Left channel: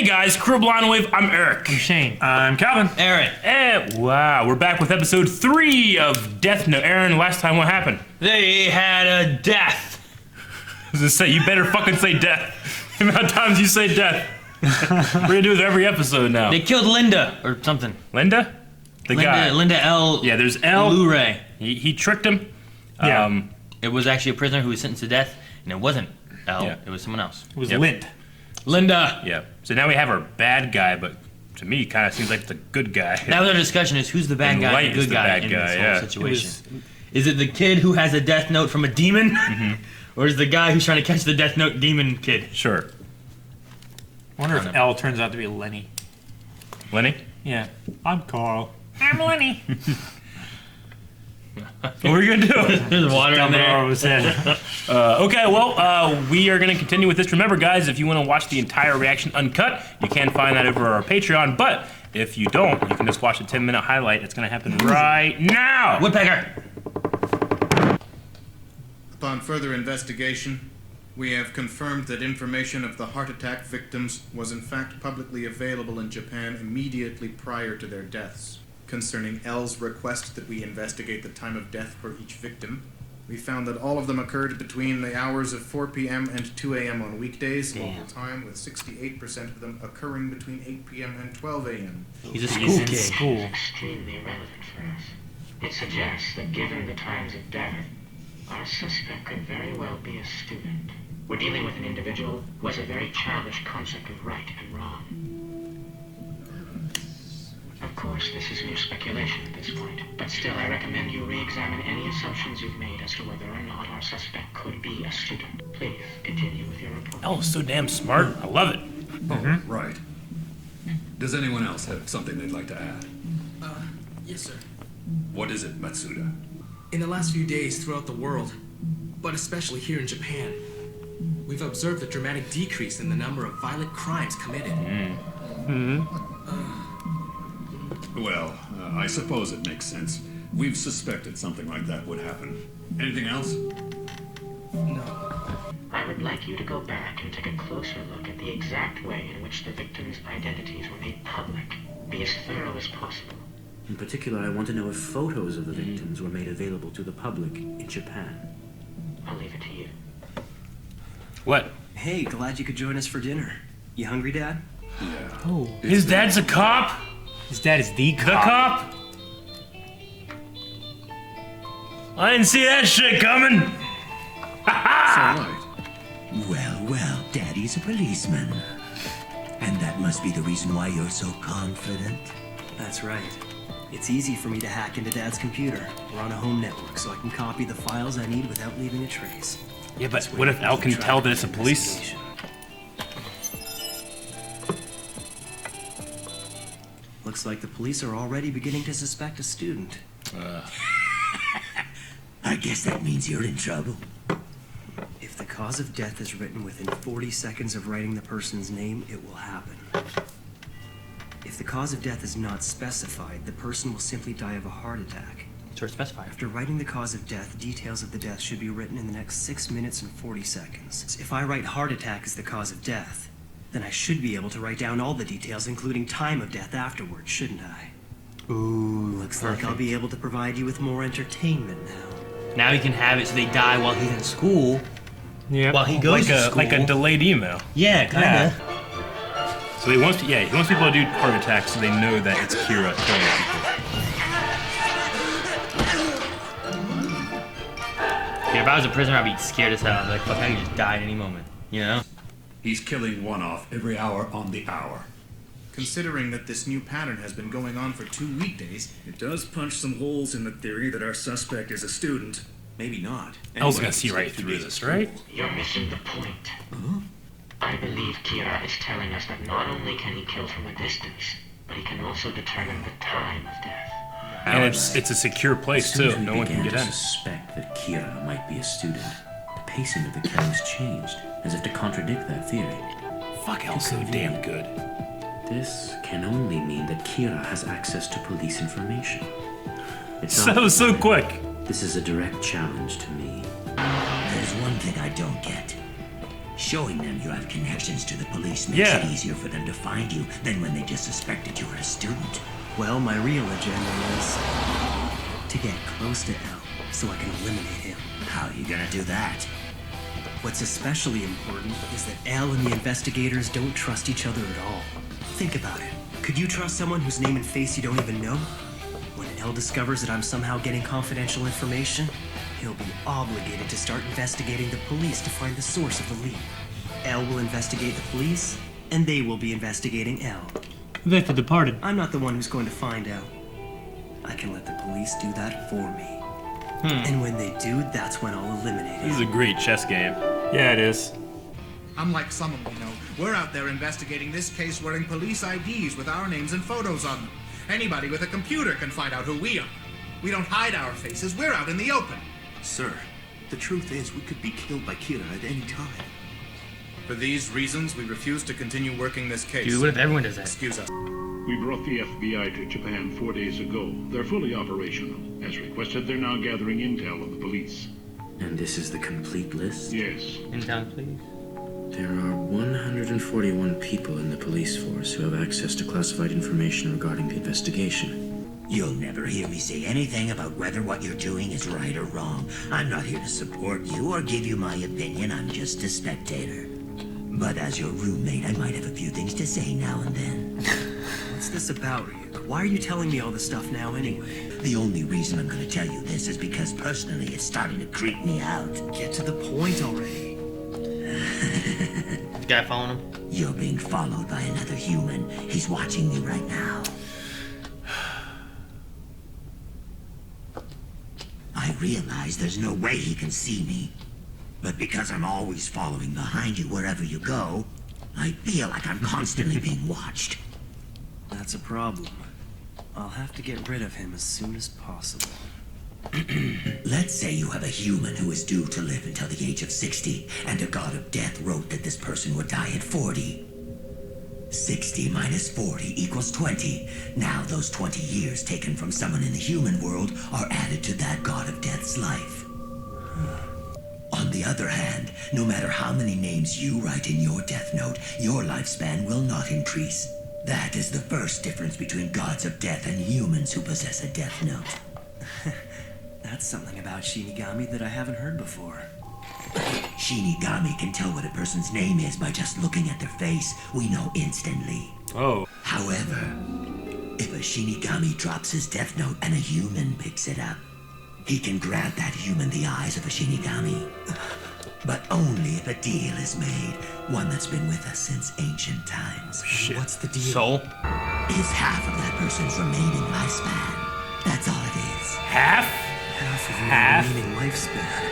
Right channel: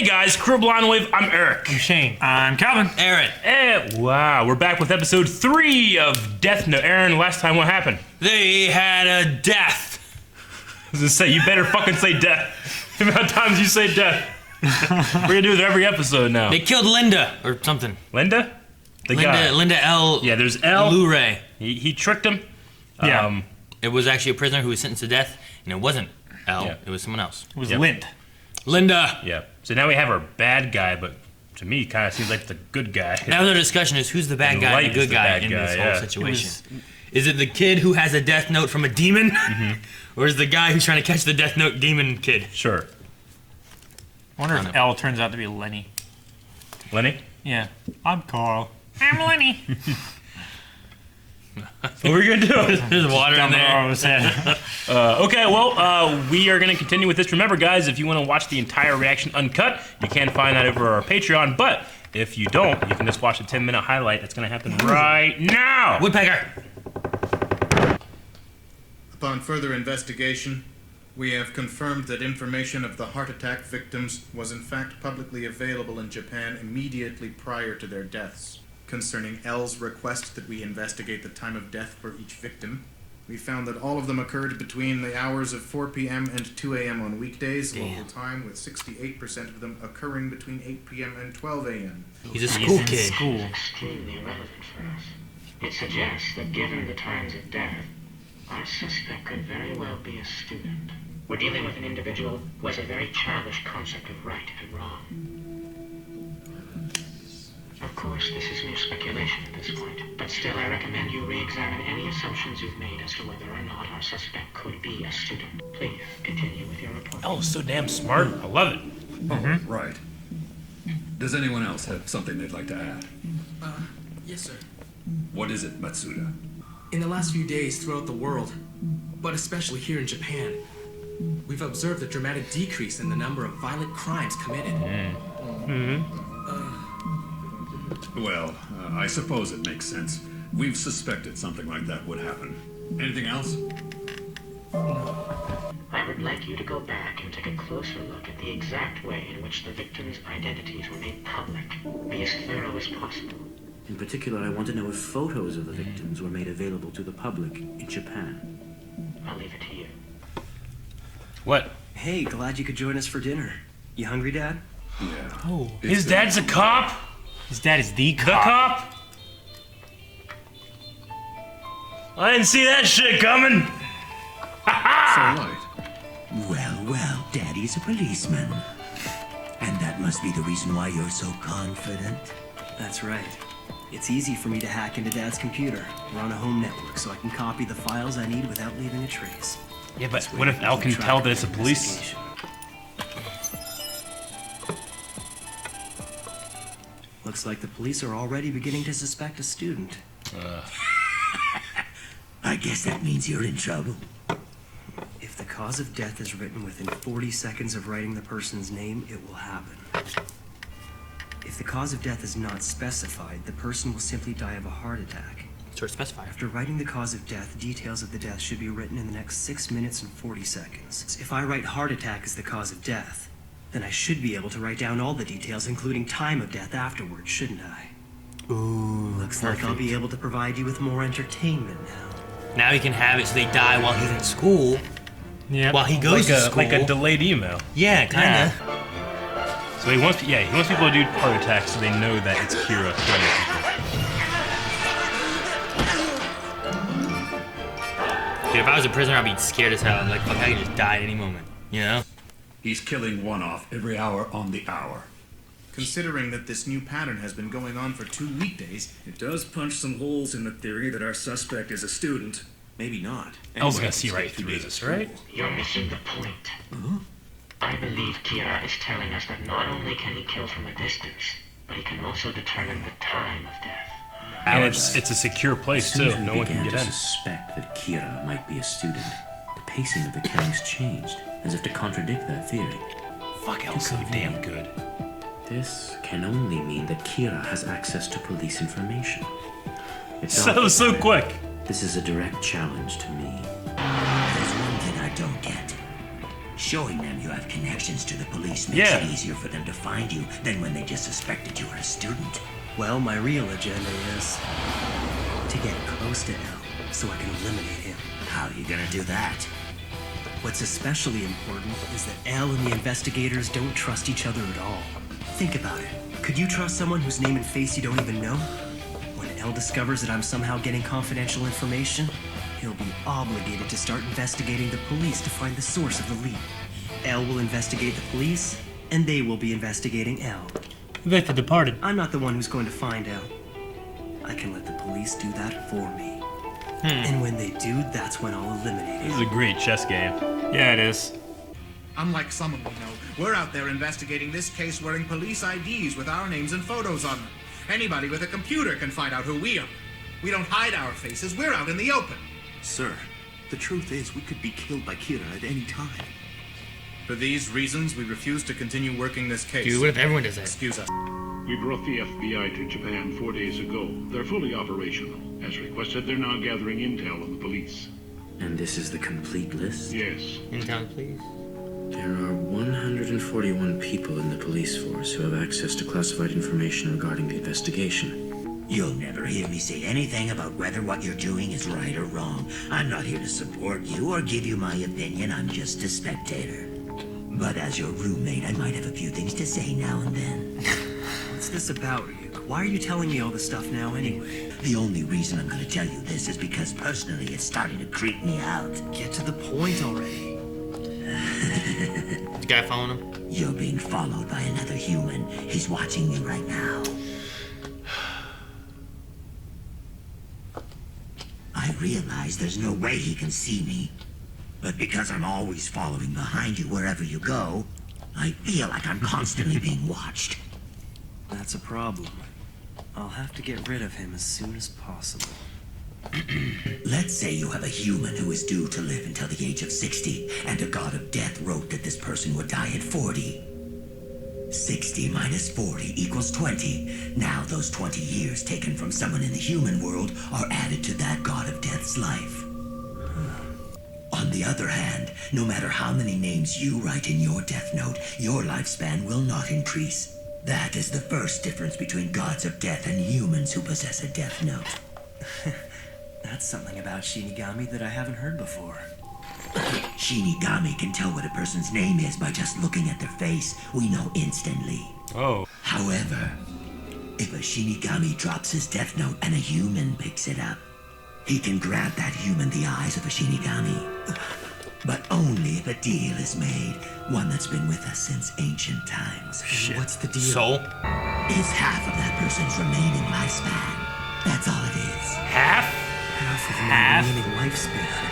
Hey guys, Crew Blind Wave, I'm Eric. I'm Shane. I'm Calvin. Aaron. And wow, we're back with episode 3 of Death Note. Aaron, last time what happened? They had a death. You better fucking say death. The amount of times you say death. We're gonna do it every episode now. They killed Linda or something. Linda? The guy. Linda L. Yeah, there's L. Luray. He tricked him. Yeah. It was actually a prisoner who was sentenced to death, and it wasn't L. Yeah. It was someone else. It was Lind. Linda. Yeah. So now we have our bad guy, but to me, kind of seems like the good guy. Now the discussion is who's the bad guy and the good guy in this whole situation. Is it the kid who has a death note from a demon? Or is it the guy who's trying to catch the death note demon kid? Sure. I wonder if L turns out to be Lenny. Lenny? Yeah. I'm Carl. I'm Lenny. What are you gonna do? There's water in there. Okay, well, we are going to continue with this. Remember, guys, if you want to watch the entire reaction uncut, you can find that over our Patreon. But if you don't, you can just watch a 10-minute highlight. It's going to happen right now. Woodpecker. Upon further investigation, we have confirmed that information of the heart attack victims was in fact publicly available in Japan immediately prior to their deaths. Concerning L's request that we investigate the time of death for each victim, we found that all of them occurred between the hours of 4 p.m. and 2 a.m. on weekdays, local time, with 68% of them occurring between 8 p.m. and 12 a.m. He's a school kid. School. Extremely relevant for us. It suggests that given the times of death, our suspect could very well be a student. We're dealing with an individual who has a very childish concept of right and wrong. Of course, this is mere speculation at this point, but still I recommend you re-examine any assumptions you've made as to whether or not our suspect could be a student. Please, continue with your report. Oh, so damn smart. I love it. Oh, right. Does anyone else have something they'd like to add? Yes, sir. What is it, Matsuda? In the last few days throughout the world, but especially here in Japan, we've observed a dramatic decrease in the number of violent crimes committed. Well, I suppose it makes sense. We've suspected something like that would happen. Anything else? No. I would like you to go back and take a closer look at the exact way in which the victims' identities were made public. Be as thorough as possible. In particular, I want to know if photos of the victims were made available to the public in Japan. I'll leave it to you. What? Hey, glad you could join us for dinner. You hungry, Dad? Yeah. Oh. His dad's a cop? His dad is the The cop. cop? I didn't see that shit coming. So right. Well, Daddy's a policeman. And that must be the reason why you're so confident. That's right. It's easy for me to hack into Dad's computer. We're on a home network, so I can copy the files I need without leaving a trace. Yeah, but This way what I if Al keep can track tell of that it's a the police? investigation. Looks like the police are already beginning to suspect a student. I guess that means you're in trouble. If the cause of death is written within 40 seconds of writing the person's name, it will happen. If the cause of death is not specified, the person will simply die of a heart attack. Sure, specify. After writing the cause of death, details of the death should be written in the next 6 minutes and 40 seconds. If I write heart attack as the cause of death, then I should be able to write down all the details, including time of death afterwards, shouldn't I? Ooh, looks like I'll be able to provide you with more entertainment now. Now he can have it so they die while he's in school. Yeah. While he goes to school. Like a delayed email. Yeah, kinda. So he wants people to do heart attacks so they know that it's Kira killing people. Dude, if I was a prisoner, I'd be scared as hell. I'd be like, fuck, I could just die at any moment. You know? He's killing one off every hour on the hour. Considering that this new pattern has been going on for 2 weekdays, It does punch some holes in the theory that our suspect is a student. Maybe not. El's gonna see right through this, right? You're missing the point. I believe Kira is telling us that not only can he kill from a distance, but he can also determine the time of death. And it's a secure place As soon too. as we No one can began get to in. suspect that Kira might be a student, the pacing of the killings changed, as if to contradict that theory. Fuck, El's so damn good. This can only mean that Kira has access to police information. It's So obvious that quick. This is a direct challenge to me. There's one thing I don't get. Showing them you have connections to the police makes Yeah. it easier for them to find you than when they just suspected you were a student. Well, my real agenda is to get close to L so I can eliminate him. How are you gonna do that? What's especially important is that L and the investigators don't trust each other at all. Think about it. Could you trust someone whose name and face you don't even know? When L discovers that I'm somehow getting confidential information, he'll be obligated to start investigating the police to find the source of the lead. L will investigate the police, and they will be investigating L. Like The Departed. I'm not the one who's going to find L. I can let the police do that for me. And when they do, that's when I'll eliminate This is him. a great chess game. Yeah, it is. Unlike someone we know, we're out there investigating this case wearing police IDs with our names and photos on them. Anybody with a computer can find out who we are. We don't hide our faces, we're out in the open. Sir, the truth is we could be killed by Kira at any time. For these reasons, we refuse to continue working this case. Dude, what if everyone does that? Excuse us. We brought the FBI to Japan 4 days ago. They're fully operational. As requested, they're now gathering intel on the police. And this is the complete list? Yes. Intel, please. There are 141 people in the police force who have access to classified information regarding the investigation. You'll never hear me say anything about whether what you're doing is right or wrong. I'm not here to support you or give you my opinion. I'm just a spectator. But as your roommate, I might have a few things to say now and then. What's this about, Ryuk? Why are you telling me all this stuff now anyway? The only reason I'm going to tell you this is because personally it's starting to creep me out. Get to the point already. This guy following him? You're being followed by another human. He's watching me right now. I realize there's no way he can see me. But because I'm always following behind you wherever you go, I feel like I'm constantly being watched. That's a problem. I'll have to get rid of him as soon as possible. Let's say you have a human who is due to live until the age of 60, and a god of death wrote that this person would die at 40. 60 minus 40 equals 20. Now those 20 years taken from someone in the human world are added to that god of death's life. On the other hand, no matter how many names you write in your death note, your lifespan will not increase. That is the first difference between gods of death and humans who possess a death note. That's something about Shinigami that I haven't heard before. Shinigami can tell what a person's name is by just looking at their face. We know instantly. Oh. However, if a Shinigami drops his death note and a human picks it up, he can grant that human the eyes of a Shinigami. But only if a deal is made, one that's been with us since ancient times. Shit. What's the deal? Soul? Is half of that person's remaining lifespan. That's all it is. Half? Half of my remaining lifespan.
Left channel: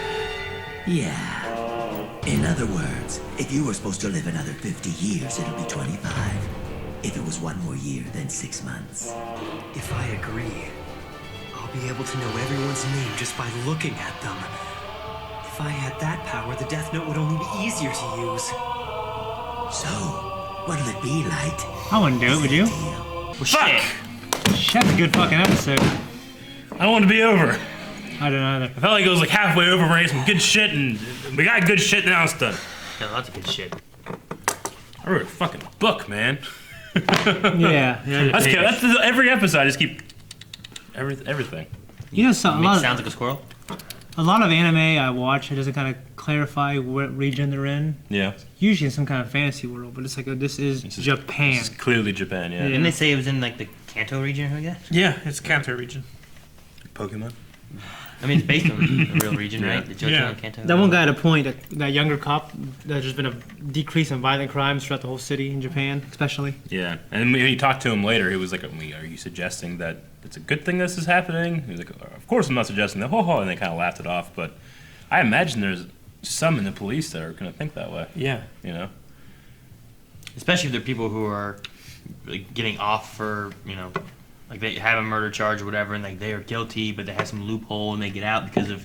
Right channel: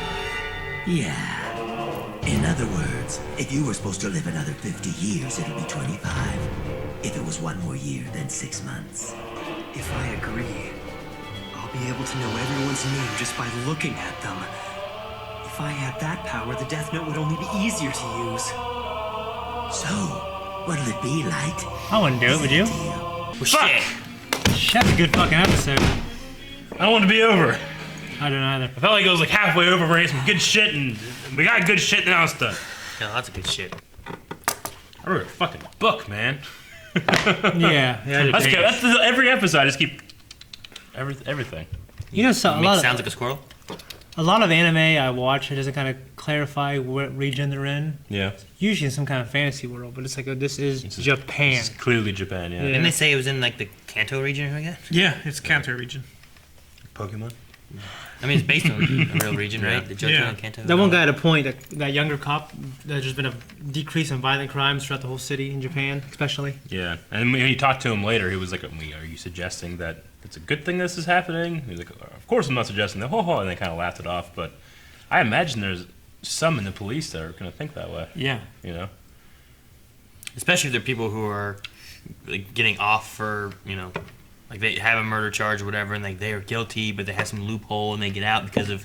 Yeah. In other words, if you were supposed to live another 50 years, it'll be 25. If it was one more year, then 6 months. If I agree, I'll be able to know everyone's name just by looking at them. If I had that power, the Death Note would only be easier to use. So, what'll it be like? I wouldn't do it, would you? Well, shit. That's a good fucking episode. I don't want it to be over. I don't either. I felt like it was like halfway over. We're getting some good shit, and we got good shit now. It's done. Got lots of good shit. I wrote a fucking book, man. Yeah. That's good. That's every episode. I just keep everything. You know, so, Sounds like a squirrel. a lot of anime I watch, it doesn't kind of clarify what region they're in. Yeah. Usually in some kind of fantasy world, but it's like, this is Japan. This is clearly Japan, yeah. Didn't they say it was in like the Kanto region, I guess? Yeah, it's Kanto region. Pokemon? I mean, it's based on a real region, right? The Johto Yeah. and Kanto. That one guy had a point, that younger cop, that there's been a decrease in violent crimes throughout the whole city in Japan, especially. Yeah, and when you talked to him later, he was like, are you suggesting that it's a good thing this is happening? He was like, of course I'm not suggesting that, and they kind of laughed it off, but I imagine there's some in the police that are going to think that way. Yeah. You know? Especially if they're people who are like, getting off for, you know, like they have a murder charge or whatever, and like they are guilty, but they have some loophole and they get out because of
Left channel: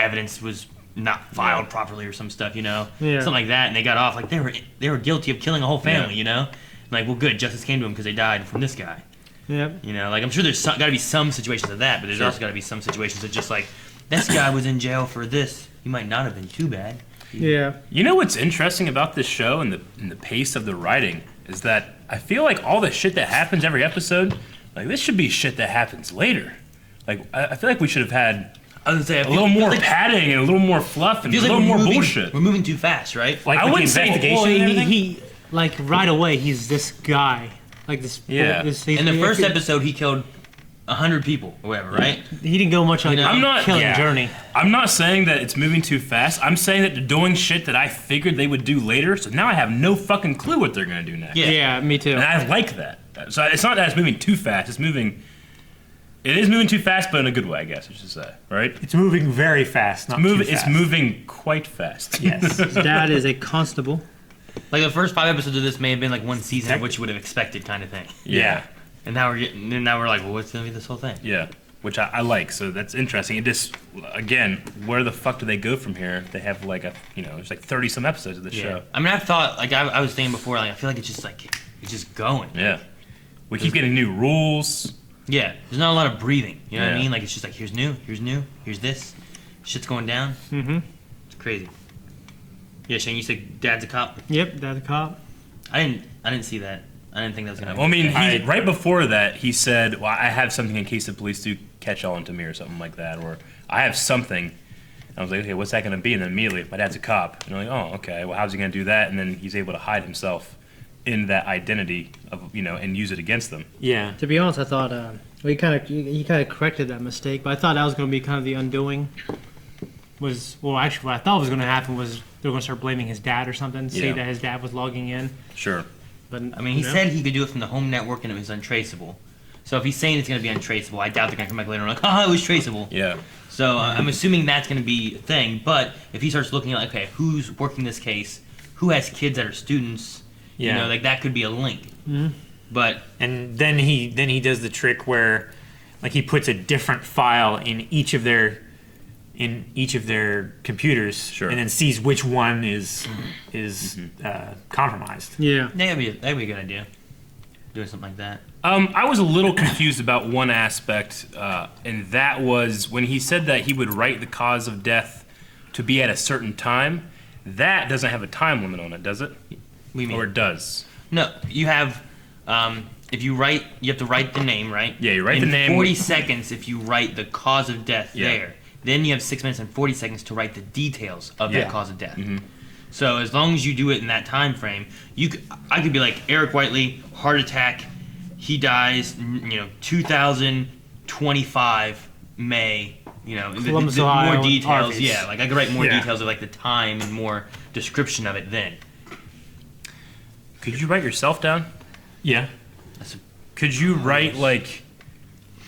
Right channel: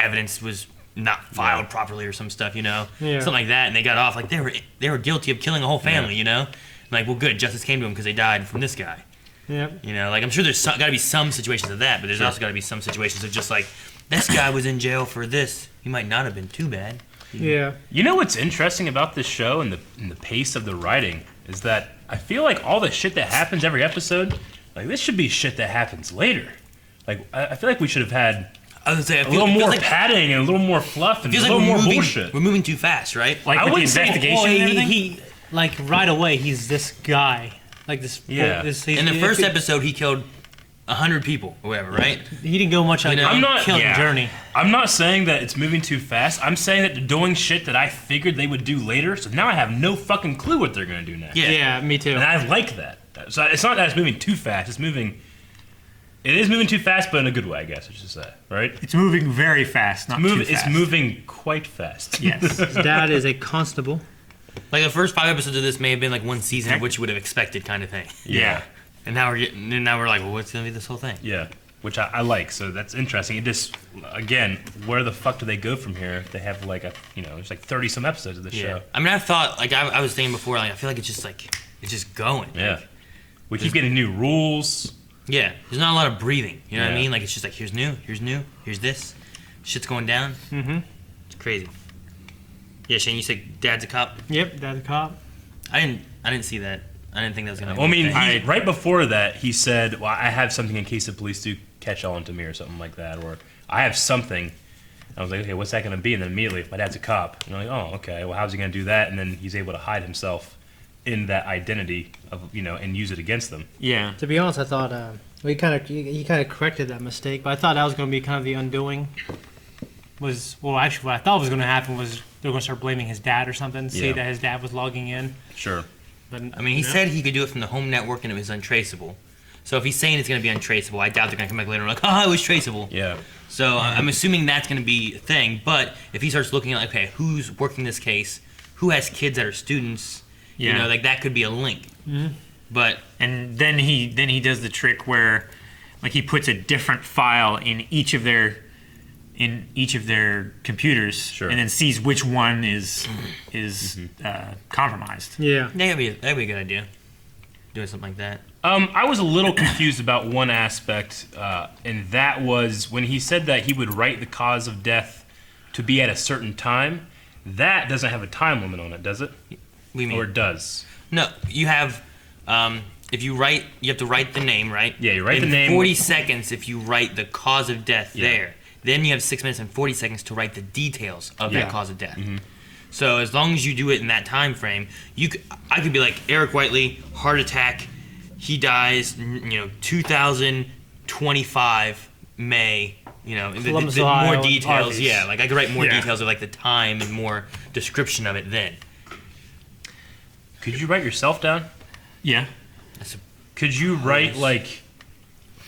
evidence was not filed properly or some stuff, you know, something like that, and they got off. Like they were guilty of killing a whole family, you know. Like, well, good, justice came to them because they died from this guy. Yep. You know, like I'm sure there's got to be some situations of that, but there's also got to be some situations of just like this guy was in jail for this. He might not have been too bad. Yeah. You know what's interesting about this show and the pace of the writing is that I feel like all the shit that happens every episode, like this should be shit that happens later. Like I feel like we should have had I would say a little more padding and a little more fluff and a little more bullshit. We're moving too fast, right? Like I with the wouldn't say investigation and everything? he like right away he's this guy. Like this. Yeah. In the first episode, he killed 100 people or whatever, right? He didn't go much on I'm killing journey. I'm not saying that it's moving too fast. I'm saying that they're doing shit that I figured they would do later. So now I have no fucking clue what they're gonna do next. Yeah, me too. And I like that. So it's not that it's moving too fast. It's moving. It is moving too fast, but in a good way, I guess. I should say, right? It's moving very fast, not too fast. It's moving quite fast. Yes. His dad is a constable. Like the first 5 episodes of this may have been like one season of what you would have expected, kind of thing. Yeah. And now we're like, well, what's gonna be this whole thing? Yeah, which I like. So that's interesting. It just, again, where the fuck do they go from here? They have like there's like 30 some episodes of this show. I mean, I thought, like I was saying before, like I feel like it's just going. Yeah. We keep getting new rules. Yeah, there's not a lot of breathing. You know what I mean? Like it's just like here's new, here's this, shit's going down. Mm-hmm. It's crazy. Yeah, Shane, you said Dad's a cop. Yep, Dad's a cop. I didn't see that. I didn't think that was gonna. Well, I mean, right before that, he said, "Well, I have something in case the police do catch on to me or something like that, or I have something." And I was like, "Okay, what's that going to be?" And then immediately, my dad's a cop. And I'm like, "Oh, okay. Well, how's he going to do that?" And then he's able to hide himself in that identity of and use it against them. Yeah. To be honest, I thought he kind of corrected that mistake, but I thought that was going to be kind of the undoing. Actually, what I thought was going to happen was they were going to start blaming his dad or something, say that his dad was logging in. Sure. But I mean, he said he could do it from the home network and it was untraceable. So if he's saying it's going to be untraceable, I doubt they're going to come back later and like, it was traceable. Yeah. So I'm assuming that's going to be a thing. But if he starts looking at, like, okay, who's working this case? Who has kids that are students? Yeah. You know, like that could be a link. Mm-hmm. But and then he does the trick where, like, he puts a different file in each of their computers, and then sees which one is compromised. Yeah. That'd be a good idea. Doing something like that. I was a little confused about one aspect, and that was when he said that he would write the cause of death to be at a certain time. That doesn't have a time limit on it, does it? What do you mean? Or it does? No, you have. If you write, you have to write the name, right? Yeah, you write and the name. 40 seconds if you write the cause of death there. Then you have 6 minutes and 40 seconds to write the details of that cause of death. Mm-hmm. So as long as you do it in that time frame, I could be like, Eric Whiteley, heart attack, he dies, 2025 May. The more details. Harvey's. Yeah, like I could write more details of like the time and more description of it then. Could you write yourself down? Yeah. Could you write like,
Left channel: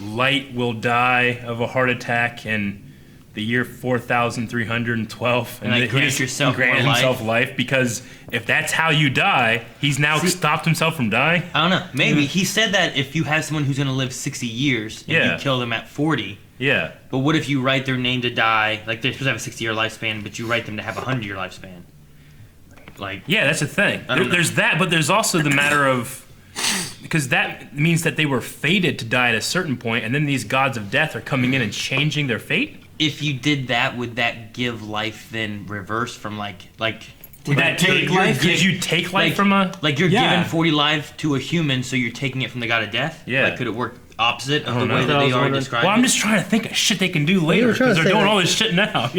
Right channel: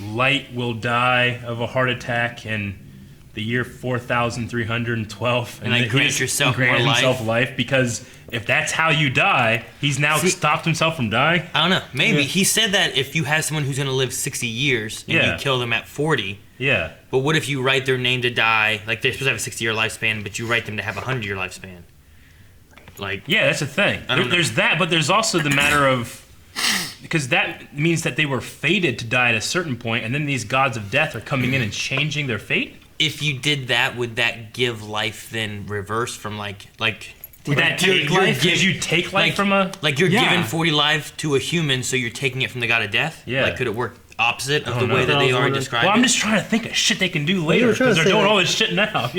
Light will die of a heart attack in the year 4,312, and like grant yourself life? Because if that's how you die, he's now stopped himself from dying. I don't know. Maybe he said that if you have someone who's going to live 60 years and you kill them at 40. Yeah. But what if you write their name to die? Like they're supposed to have a 60-year lifespan, but you write them to have a 100-year lifespan. Like. Yeah, that's the thing. There's that, but there's also the matter of. Because that means that they were fated to die at a certain point, and then these gods of death are coming in and changing their fate? If you did that, would that give life then reverse from like would that take life? Did you take life from a... Like you're giving 40 lives to a human, so you're taking it from the god of death? Yeah. Like could it work opposite of the way that they already described? Well, I'm just trying to think of shit they can do later, because they're doing all this shit now,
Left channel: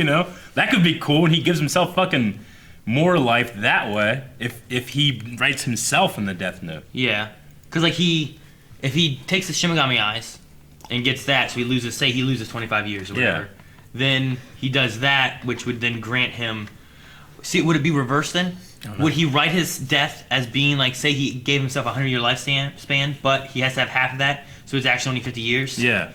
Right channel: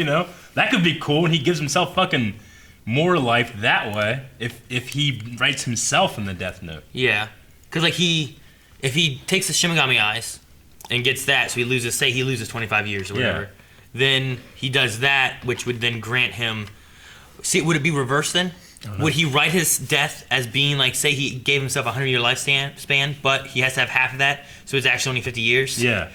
That could be cool, and he gives himself fucking more life that way, if he writes himself in the death note. Yeah. Because like if he takes the Shimigami eyes and gets that, so he loses 25 years or whatever, then he does that, which would then grant him. See, would it be reversed then? Would he write his death as being like, say he gave himself a 100-year lifespan, but he has to have half of that, so it's actually only 50 years? Yeah.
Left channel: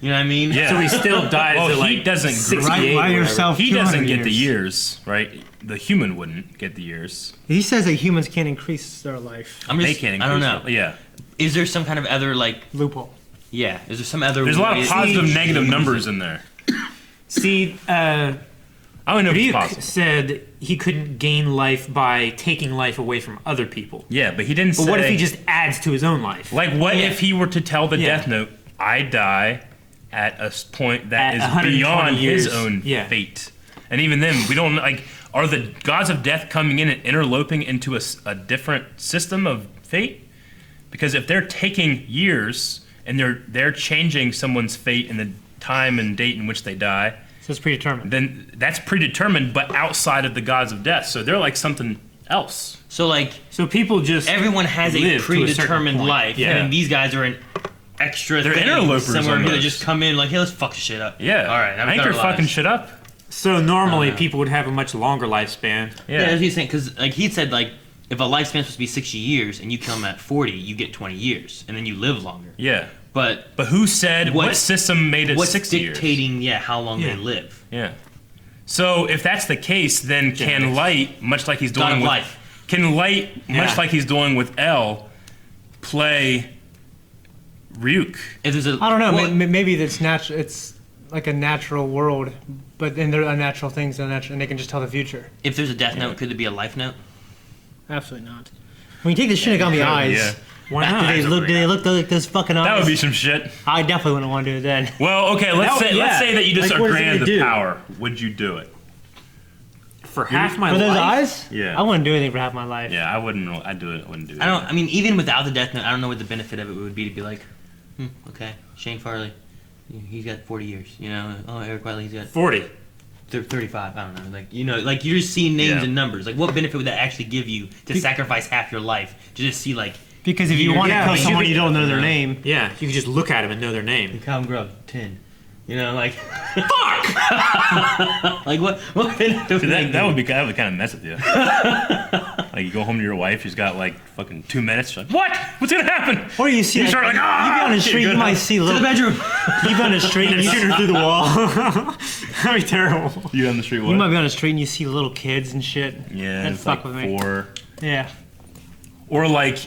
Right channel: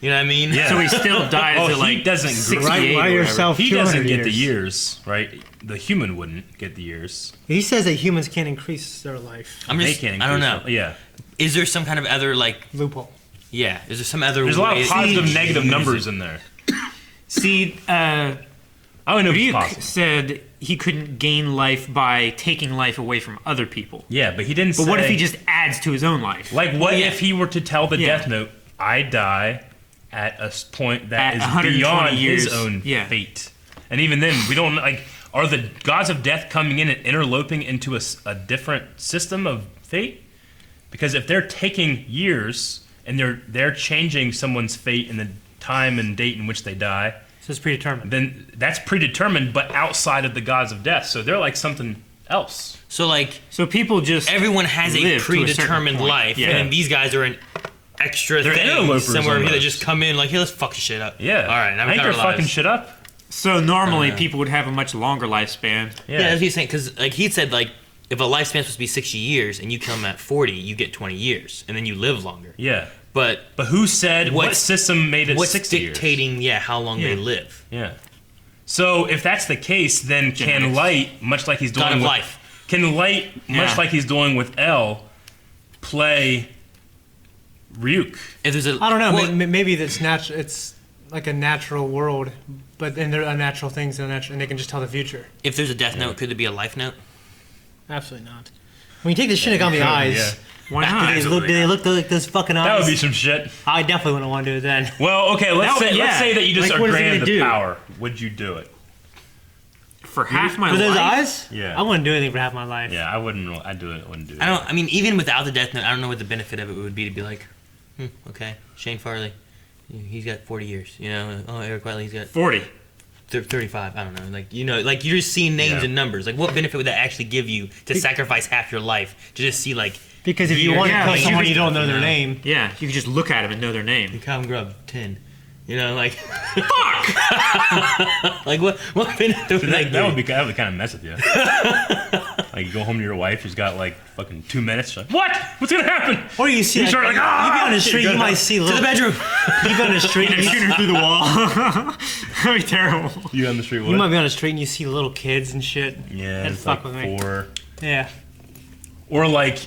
You know what I mean? Yeah. So he still dies at like he doesn't 68 He doesn't get the years, right? The human wouldn't get the years. He says that humans can't increase their life. They can't increase I don't know. Yeah. Is there some kind of other like loophole? Yeah. Is there some other? There's a lot of positive, negative numbers in there. See, I don't know if it's possible. said he couldn't gain life by taking life away from other people. Yeah, but he didn't say... But what if he just adds to his own life? Like, what if he were to tell the death note, I die at a point that is beyond his own fate? And even then, we don't, like... are the gods of death coming in and interloping into a different system of fate? Because if they're taking years and they're changing someone's fate in the time and date in which they die, so it's predetermined. Then that's predetermined, but outside of the gods of death. So they're like something else. So like, so people just everyone has a live to a certain predetermined point. life, Yeah. and then these guys are an extra They're thing interlopers somewhere here that almost. just come in like, hey, let's fuck shit up. Yeah. All right. I think they're fucking shit up. So normally people would have a much longer lifespan. Yeah, that's what he's saying. Because like he said, like if a lifespan's supposed to be 60 years and you kill them at 40, you get 20 years, and then you live longer. Yeah. But who said what system made it 60 years? What's dictating, how long they live? Yeah. So if that's the case, then can Genetics. Light, much like he's God doing of with life. Can Light, much like he's doing with L, play Ryuk? If there's a, I don't know. Maybe that's natural. It's like a natural world, but then there are unnatural things, and they can just tell the future. If there's a death note, could there be a life note? Absolutely not. When you take the Shinigami eyes, why not? Do they look like those fucking eyes? That would be some shit. I definitely wouldn't want to do it then. Well, okay, let's say that you just Like, are what is it granted gonna the do? power. Would you do it? For half my For those life? eyes? Yeah. I wouldn't do anything for half my life. Yeah, I wouldn't. I'd do it. Wouldn't do it. I don't. I mean, even without the death note, I don't know what the benefit of it would be to be like, okay, Shane Farley, he's got 40 years. You know, oh, Eric Whiteley, he's got 40. 35. I don't know. Like, you know, like you're just seeing names and numbers. Like, what benefit would that actually give you to sacrifice half your life to just see like? Because if you want to kill someone, you don't know their name. Yeah, you can just look at him and know their name. Calvin Grub, 10. You know, like, fuck. Like, what benefit would That would kind of mess with you. Like, you go home to your wife, she's got like fucking 2 minutes. She's like, what? What's gonna happen? Or you see, You like, start like, you be on the street, you might see to the bedroom. You be on the street and you Shoot her through the wall. That'd be terrible. You on the street? What? You might be on the street and you see little kids and shit. Yeah, That'd it's fuck like with me. 4. Yeah. Or like,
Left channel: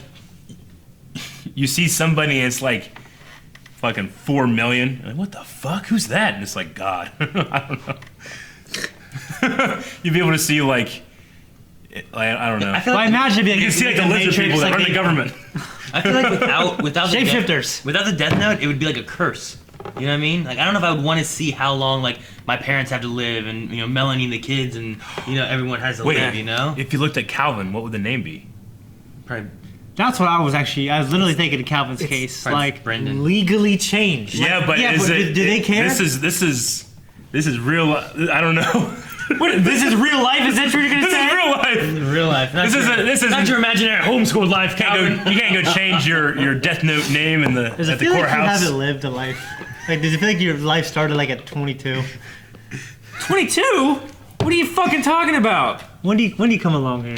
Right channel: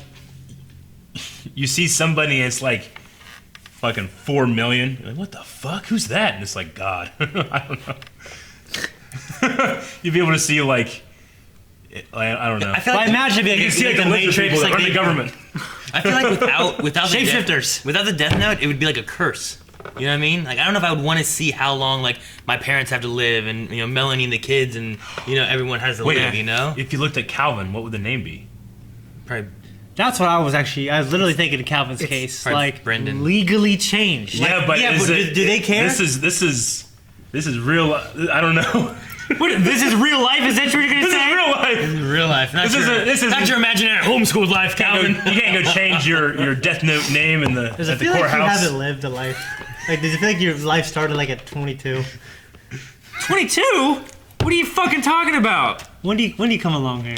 you see somebody and it's like fucking 4 million. Like, what the fuck? Who's that? And it's like God. I don't know. You'd be able to see like, I don't know. I feel Well, like imagine it'd be like, you can see like the the lizard Matrix, people like or the government. I feel like without the Shapeshifters. without the death note, it would be like a curse. You know what I mean? Like, I don't know if I would want to see how long like my parents have to live, and you know, Melanie and the kids, and you know, everyone has to live. You know? If you looked at Calvin, what would the name be? Probably That's what I was literally thinking in Calvin's case. Like, Brendan. Legally changed. Yeah, but yeah, is but it, do they care? This is real. I don't know. What? This is real life? Is that what you're gonna This say? is real life. Real life. Not This is not your imaginary homeschool life, Calvin. You can't go change your Death Note name in the Does at it the feel like you courthouse. haven't lived a life? Like, does it feel like your life started like at 22? 22? What are you fucking talking about? When do you come along here?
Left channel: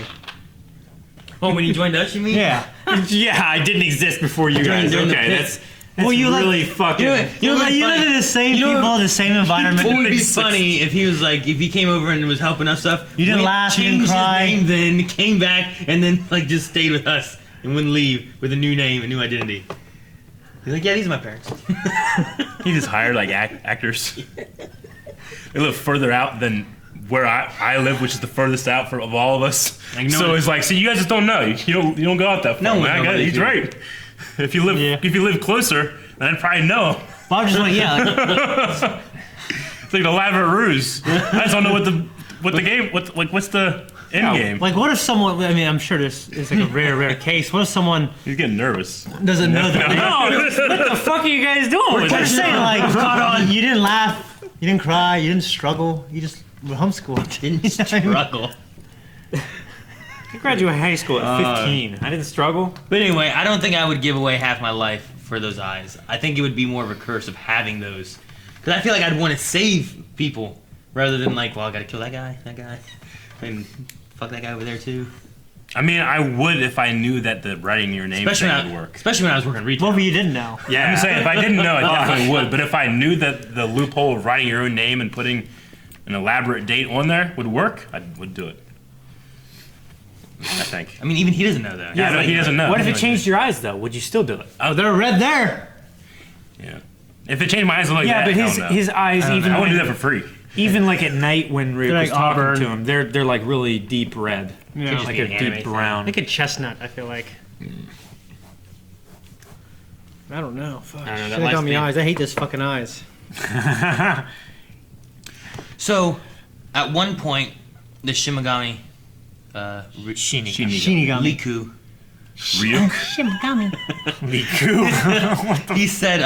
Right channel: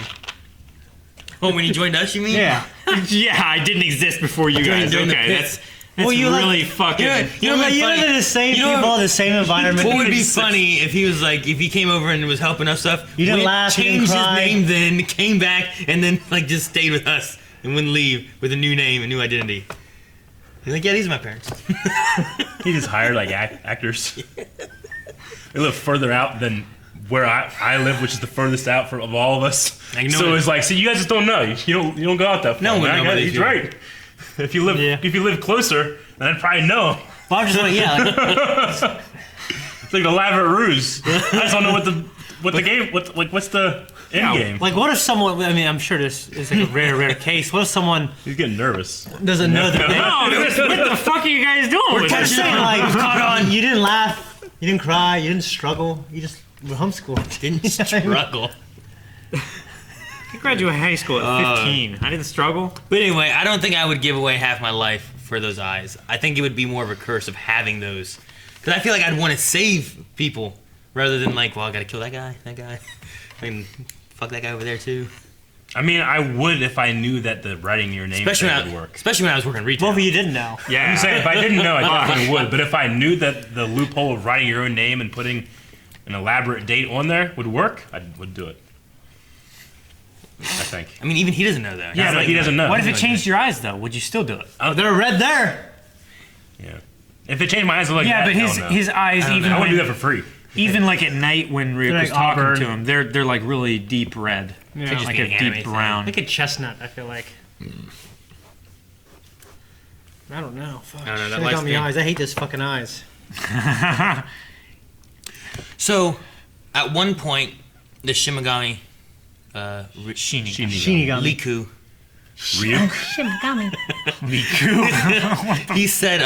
Oh, when you joined us, you mean? Yeah. Yeah, I didn't exist before you guys. during the Okay, pit. that's Well, you really live- fucking. You live in the same people, the same environment. What would be funny if he was like, if he came over and was helping us stuff? You didn't went, laugh, you didn't changed cry. his name, then came back, and then like just stayed with us and wouldn't leave with a new name, a new identity. He's like, yeah, these are my parents. He just hired like actors. They live further out than where I live, which is the furthest out of all of us. Like, no so one- it's like, so you guys just don't know. You don't go out that far. No one man. knows He's you. right. If you live closer, then I'd probably know. But I'm just like, yeah. It's like an elaborate ruse. I just don't know what's the end game. Like, what if someone? I mean, I'm sure this is like a rare case. What if someone He's getting nervous. doesn't know their name? No, what the fuck are you guys doing? I'm with just this? saying, like, caught on. You didn't laugh, you didn't cry, you didn't struggle. You just were homeschooled. Didn't struggle. I graduated high school at 15. I didn't struggle. But anyway, I don't think I would give away half my life for those eyes. I think it would be more of a curse of having those. Because I feel like I'd want to save people rather than like, well, I gotta kill that guy. I mean, fuck that guy over there too. I mean, I would if I knew that the writing your name Especially thing when, would work. especially when I was working retail. What if you didn't know? Yeah. I'm just saying, if I didn't know, I definitely would. But if I knew that the loophole of writing your own name and putting an elaborate date on there would work, I would do it. I think. I mean, even he doesn't know that. Yeah, But but he doesn't know. What if it Like, changed your eyes though? Would you still do it? Oh, they're red there. Yeah. If it changed my eyes like Yeah, that, but hell no. his eyes even I wouldn't do when that for free. even like at night when Rick They're was like talking auburn. to him, they're like really deep red. Yeah. Like be a an deep anime thing. brown. Like a chestnut, I feel like. I don't know. Fuck. I don't know, that Should've light's got me big. eyes. I hate those fucking eyes. So, at one point, the Shimigami, Shinigami. Liku. Shinigami. Liku. He said,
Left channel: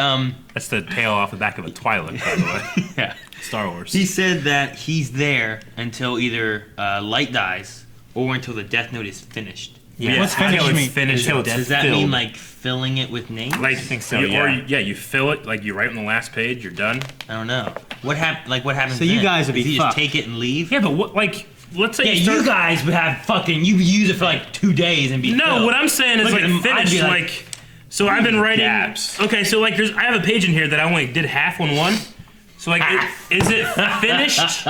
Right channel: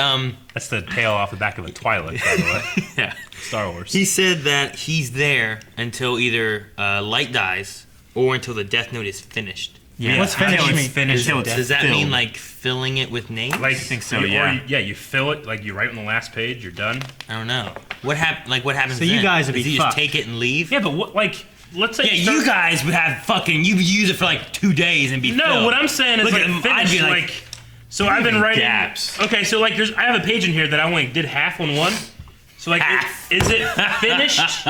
That's the tail off the back of a Twilight, by the way. Yeah. Star Wars. He said that he's there until either Light dies or until the Death Note is finished. Yeah. What's finished mean? Finished. Does that mean like filling it with names? Like, I think so. You fill it like you write on the last page. You're done. I don't know. What happens? So you then? guys would be Does he just fucked. take it and leave? Yeah, but what? Like, let's say. Yeah, you guys would have fucking. You would use it for like 2 days and be. No, filled. what I'm saying is Look like at him, I'd finished. be Like, so I've been writing. Gaps. Okay, so like I have a page in here that I only did half on one. So like, is it finished?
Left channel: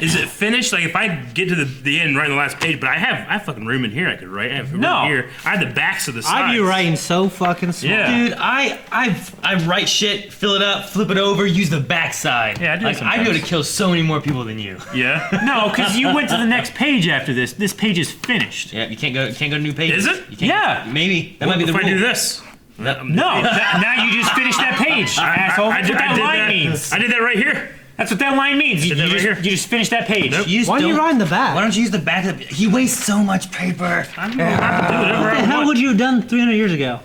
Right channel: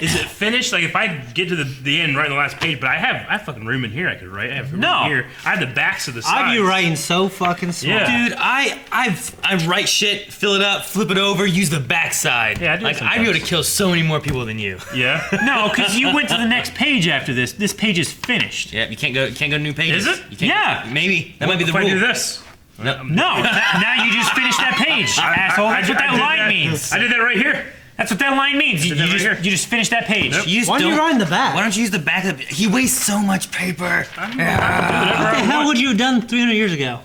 Is it finished? Like, if I get to the end, right in the last page, but I have fucking room in here I could write. I have room in here. I have the backs of the sides. I have you writing so fucking small. Yeah. Dude, I write shit, fill it up, flip it over, use the backside. Yeah, I do like sometimes. I'd be able to kill so many more people than you. Yeah. No, because you went to the next page after this. This page is finished. Yeah, you can't go to new pages. Is it? You can't Yeah. Maybe that What might be if the I rule. do this? No, now you just finished that page, asshole. That's what that line means. I did that right here. That's what that line means. You right just here. you just finished that page. Why are you writing the back? Why don't you use the back of He wastes so much paper. What the hell would you have done 300 years ago?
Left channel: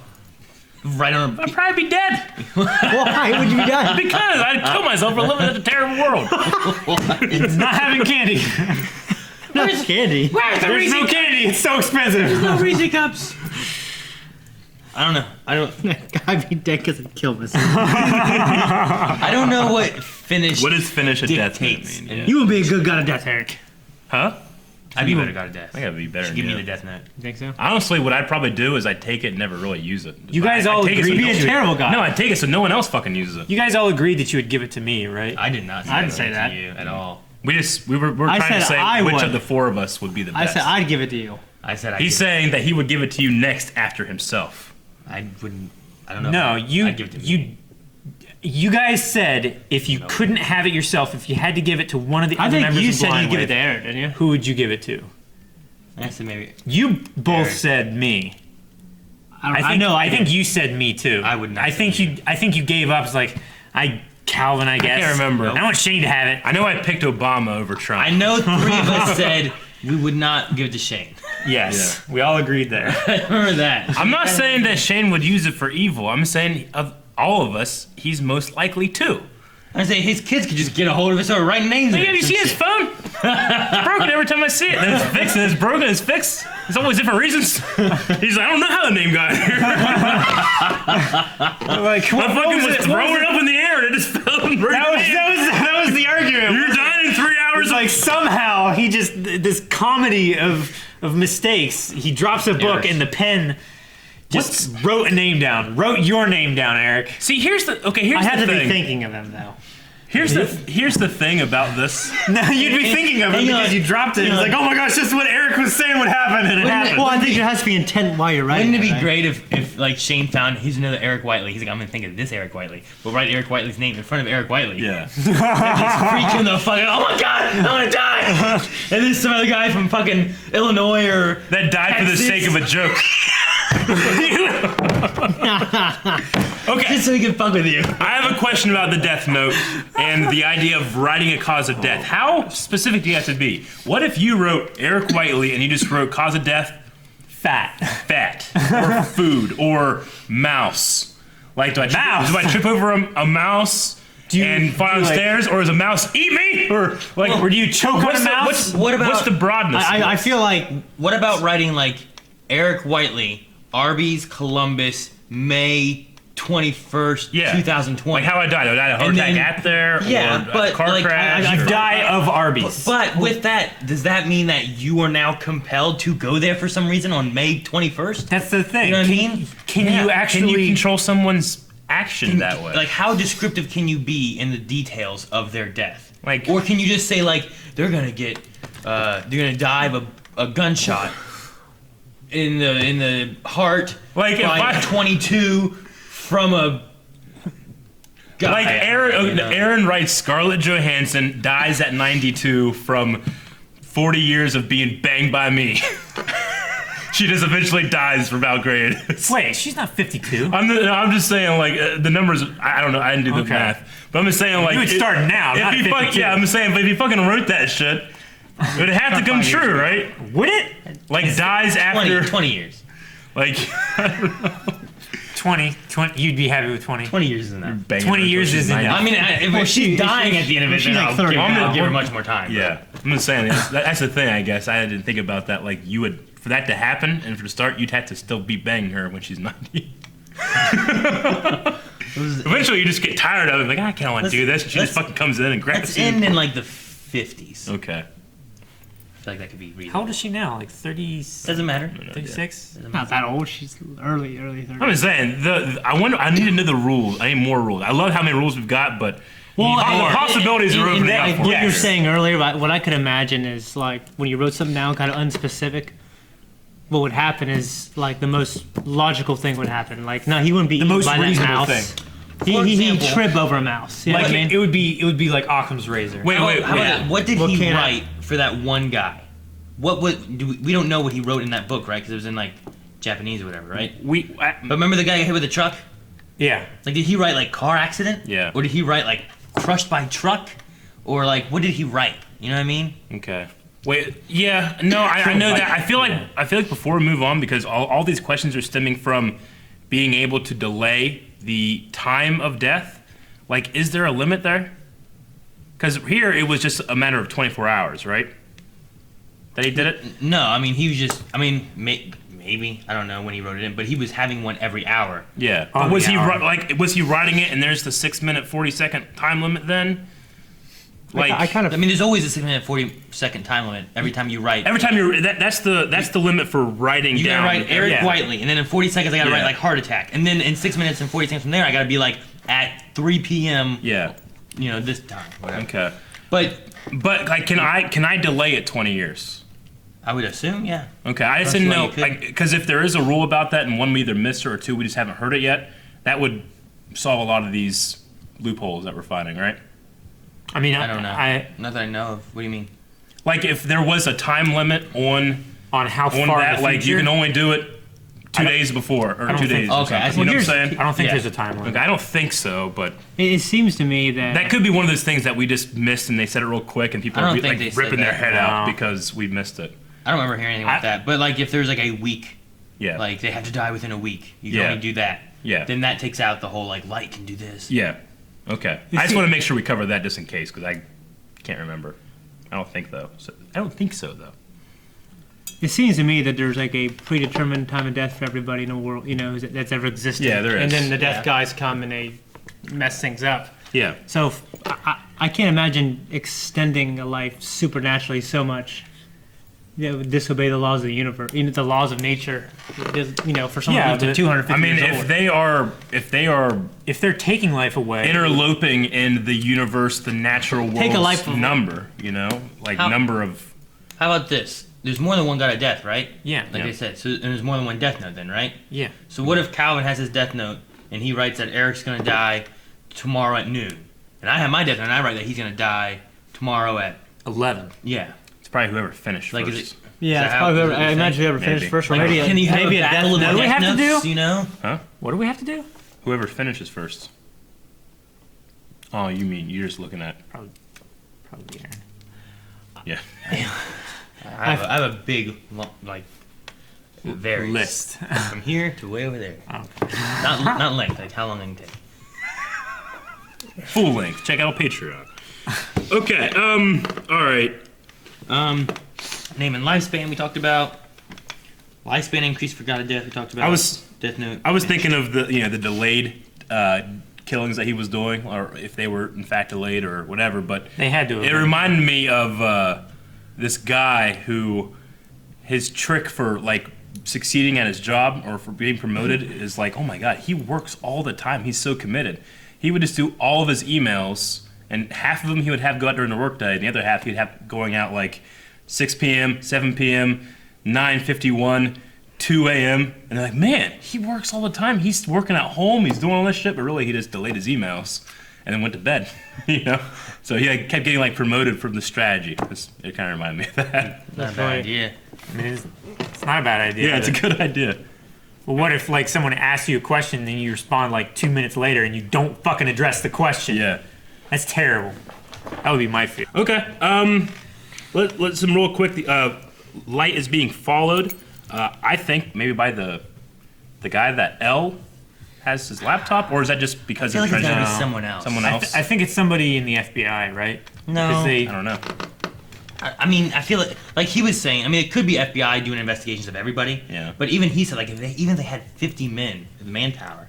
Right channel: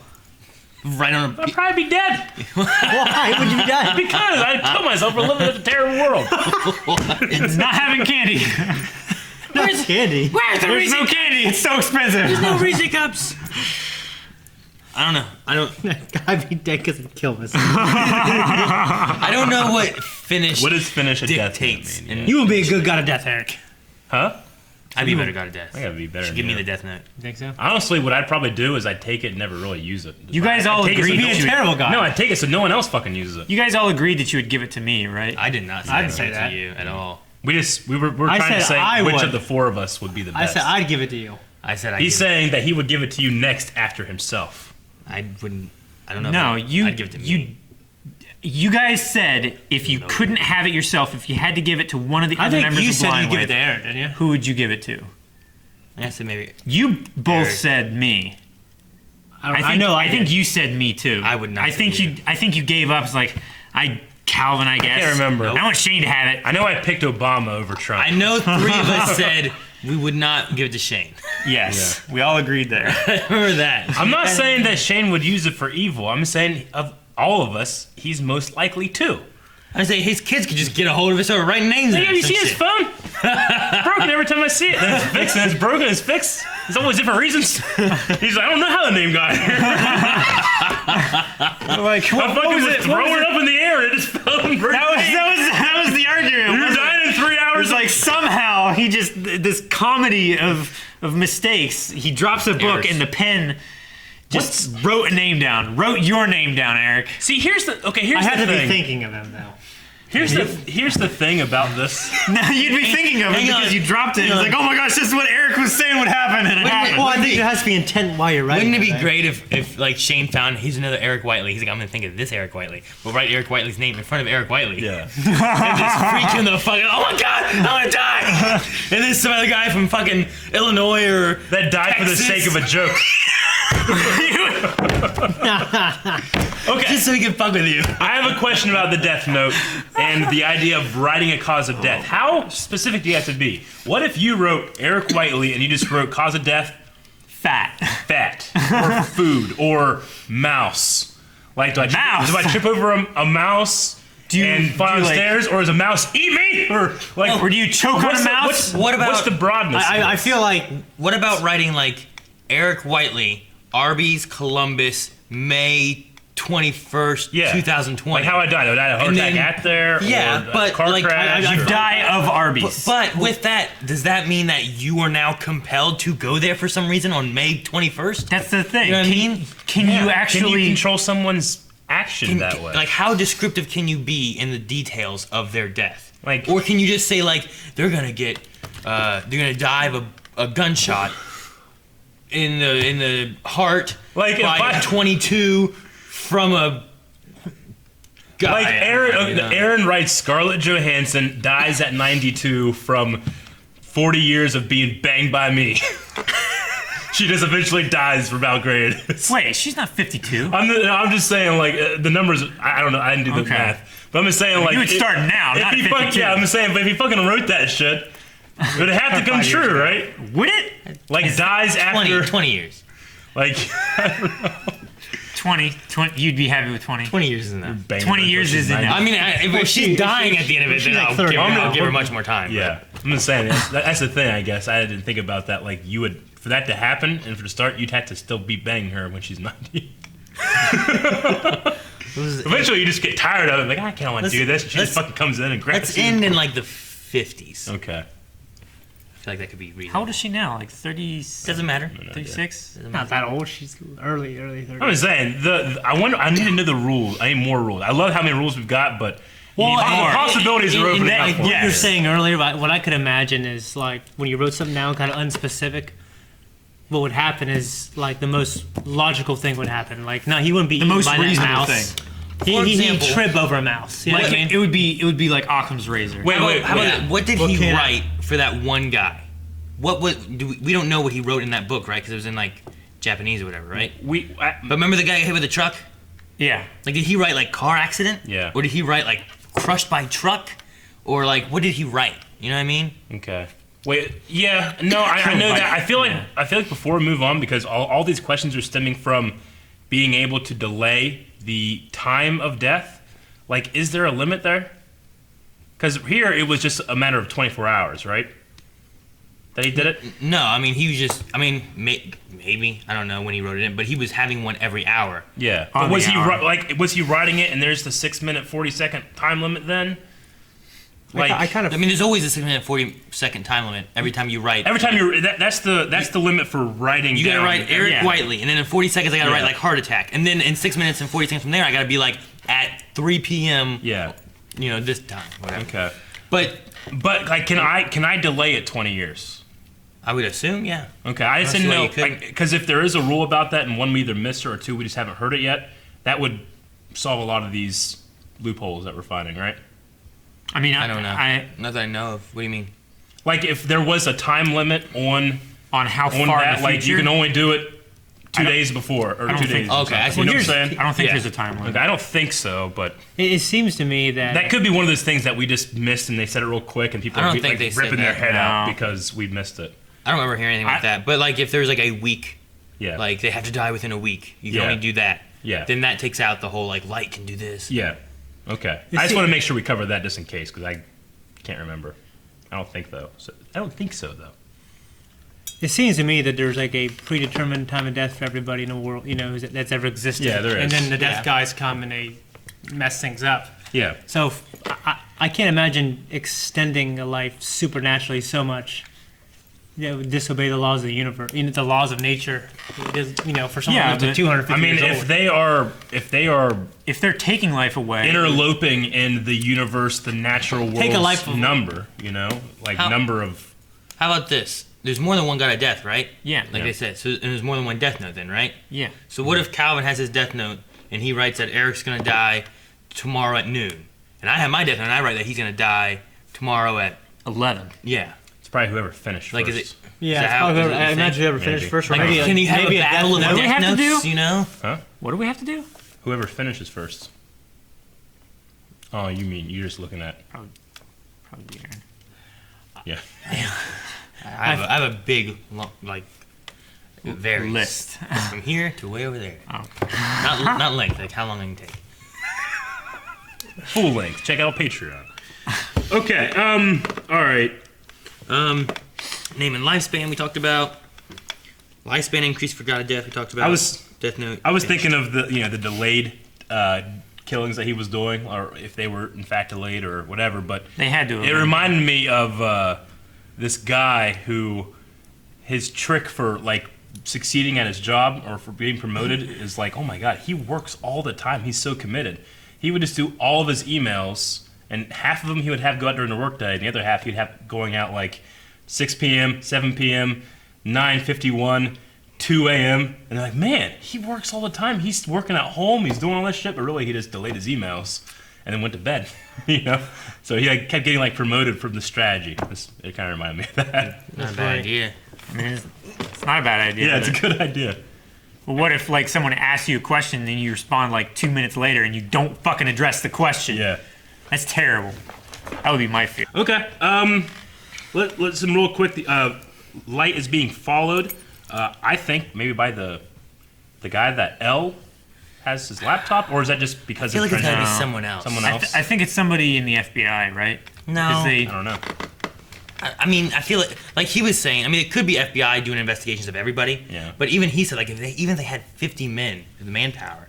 Right on I'd probably be dead. Why would you be dying? Because I'd kill myself for living in a terrible world. Not having candy. No candy. Where's the There's no candy. It's so expensive. no Reese's cups. I don't know. I'd be dead because I'd kill myself. I don't know what finish. What does finish a death dictates? mean? And You would be a good god of death, Eric. Huh? I'd be better god of death. I gotta be better. Give me the death note. You think so? Honestly, what I'd probably do is I'd take it and never really use it. You guys all I'd take it agreed so that no- you Terrible god. No, I'd take it so no one else fucking uses it. You guys all agreed that you would give it to me, right? I did not. Say I didn't that say that. to you at all. We were I trying to said say I which would. of the four of us would be the I best. said I'd give it to you. I said He's saying that he would give it to you next after himself. I wouldn't. I don't know. No, I'd give it to me. you guys said if you couldn't have it yourself, if you had to give it to one of the I other think members you of said Blind you'd give it Wave, to Aaron, didn't you? who would you give it to? I said maybe. You both Eric. said me. I know. I think you said me too. I would not I say think you. I think you gave up. It's like Calvin, I guess. can't remember. I want Shane to have it. I know I picked Obama over Trump. I know 3 of us said we would not give it to Shane. Yes, we all agreed there. I remember that. I'm not saying that Shane would use it for evil. I'm saying of all of us, he's most likely to. I say his kids could just get a hold of it, so writing names. Hey, in have it, you some seen his shit. phone? It's broken every time I see it. And it's fixed, and it's broken, it's fixed. It's always different reasons. He's like, I don't know how the name got here. Like, what was it? Throw it up in the air, and it just fell in That was the argument. You're wasn't dying in 3 hours. It's like somehow he just this comedy of mistakes. He drops a book and the pen just wrote a name down. Wrote your name down, Eric. See, here's the I had to be thinking of him though. Here's the thing about this. No, you'd be thinking of it because you dropped it. It's like, oh my gosh, this is what Eric was saying would happen, and it happened. Well, I think there has to be intent while you're writing. Wouldn't it be right? great if like Shane found he's another Eric Whiteley? He's like, I'm gonna think of this Eric Whiteley. We'll write Eric Whiteley's name in front of Eric Whiteley. Yeah. Just freaking the fucking, oh my god, I'm gonna die. And then some other guy from fucking Illinois or That died for the Texas. sake of a joke. Okay. Just so he can fuck with you. I have a question about the death note and the idea of writing a cause of death. How specific do you have to be? What if you wrote Eric Whiteley and you just wrote cause of death? Fat. Or food. Or mouse. Like, do I trip over a mouse and fall downstairs? Or does a mouse eat me? Or do you choke on a mouse? What's the broadness? I feel like. What about writing like Eric Whiteley, Arby's, Columbus, May 21st, 2020? Like how I died. I died of a heart attack at there. Yeah, or but a car like crash. You die of Arby's. But with that, does that mean that you are now compelled to go there for some reason on May 21st? That's the thing. You know what I mean? Can you actually Can you control someone's action that way? Like, how descriptive can you be in the details of their death? Like, or can you just say like they're gonna die of a gunshot in the heart, like by 22 from a guy. Like Aaron writes, Scarlett Johansson dies at 92 from 40 years of being banged by me. She just eventually dies from Belgrade. Wait, she's not 52. I'm just saying, like, the numbers, I don't know, I didn't do the math. But I'm just saying, like... You would start now, not 52. Yeah, I'm just saying, but if he fucking wrote that shit, Would it have to come true, right? Would it? Like dies after 20 years. Like 20, you'd be happy with 20. 20 years is enough. 20 years is enough. I mean, if she's dying at the end of it, she's then like I'll 30 give her much more time. Yeah, I'm just saying that's the thing. I guess I didn't think about that. Like you would, for that to happen, and for the start, you'd have to still be banging her when she's 90. Eventually, you just get tired of it. Like I can't want to do this. She just fucking comes in and grabs. Let's end in like the 50s. Okay. I feel like that could be reasonable. How old is she now? Like 30? Doesn't matter. 36? Not that old. She's early 30s. I'm just saying. I need to know the rules. I need more rules. I love how many rules we've got, but possibilities are opening up. What you were saying earlier, what I could imagine is like when you wrote something down, kind of unspecific. What would happen is like the most logical thing would happen. Like no, he wouldn't be The eaten most by that reasonable mouse. thing. He'd trip over a mouse. You know Like what I mean? it would be like Occam's razor. How about what did he write for that one guy? We don't know what he wrote in that book, right? Because it was in like Japanese or whatever, right? But remember the guy got hit with a truck? Yeah. Like, did he write like car accident? Yeah. Or did he write like crushed by truck? Or like, what did he write? You know what I mean? Okay. Wait. Yeah. No. I know that. I feel like before we move on, because all these questions are stemming from being able to delay the time of death. Like, is there a limit there? Because here it was just a matter of 24 hours, right? They did it? No, I mean, he was just, maybe, I don't know when he wrote it in, but he was having one every hour. Yeah. But was he writing it and there's the 6-minute 40-second time limit then? Like, I mean, there's always a 6-minute 40-second time limit every time you write. Every time that's the limit for writing you down. gotta write Eric Whiteley, and then in 40 seconds I gotta write like heart attack, and then in 6 minutes and 40 seconds from there I gotta be like at 3 p.m. Yeah. You know, this time. Whatever. Okay. But like, can I delay it 20 years? I would assume, yeah. Okay, I just didn't know, because if there is a rule about that, and one we either missed or two we just haven't heard it yet, that would solve a lot of these loopholes that we're finding, right? I mean, I don't know. Not that I know of. What do you mean? Like, if there was a time limit on how far in the like, future? you can only do it 2 days before, or 2 days. Okay, I you know what I'm saying? I don't think there's a time limit. Okay, I don't think so, but it seems to me that could be one of those things that we just missed, and they said it real quick, and people I are don't think they ripping said their that. head out because we missed it. I don't remember hearing anything like that. But like, if there's like a week, like they have to die within a week, you can only do that. Yeah. Then that takes out the whole like light can do this. Yeah. Okay. I just want to make sure we cover that just in case, because I can't remember. I don't think so though. it seems to me that there's like a predetermined time of death for everybody in the world, you know, that's ever existed. Yeah, there is. And then the death guys come and they mess things up. Yeah. So I can't imagine extending a life supernaturally so much. You know, disobey the laws of the universe, the laws of nature. You know, for someone who's 250 I mean, years old. if they're taking life away, interloping in the universe, the natural world's number, you know, like number of. How about this? There's more than one God of death, right? Yeah. Like they said. So there's more than one death note then, right? Yeah. So what if Calvin has his death note and he writes that Eric's gonna die tomorrow at noon, and I have my death note and I write that he's gonna die tomorrow at 11. Yeah. It's probably whoever finished like, first. Is it? Yeah, it's probably whoever, I imagine whoever finished first. Or Like, maybe can you have maybe a battle of the What do we death have to notes? do? You know? Huh? What do we have to do? Whoever finishes first. Oh, you mean you're just looking at? Probably Aaron. Yeah. I have a big, like, varies. List. From here to way over there. Oh. Not length, like how long it can take. Full length. Check out Patreon. Okay. All right. Name and lifespan we talked about. Lifespan increase for God of Death we talked about. Death Note. I was thinking of the delayed killings that he was doing, or if they were in fact delayed or whatever. But they had to. It reminded me of this guy who his trick for like succeeding at his job or for being promoted is like, oh my god, he works all the time. He's so committed. He would just do all of his emails, and half of them he would have go out during the workday, and the other half he'd have going out like 6 p.m., 7 p.m., 9:51, 2 a.m. And they're like, man, he works all the time. He's working at home. He's doing all this shit, but really he just delayed his emails and then went to bed. You know, so he like, kept getting like promoted from the strategy. It kind of reminded me of that. Not a bad idea. I mean, it's not a bad idea. Yeah, it's a good idea. Well, what if like someone asks you a question and then you respond like 2 minutes later and you don't fucking address the question? Yeah. That's terrible. That would be my fear. Okay. Let's some real quick. Light is being followed. I think maybe by the guy that L has his laptop, or is that just because I feel of like it's gotta be No. someone else. someone else? I think it's somebody in the FBI, right? No. 'Cause I don't know. I mean, I feel like he was saying. I mean, it could be FBI doing investigations of everybody. Yeah. But even he said, like, even if they had 50 men, the manpower,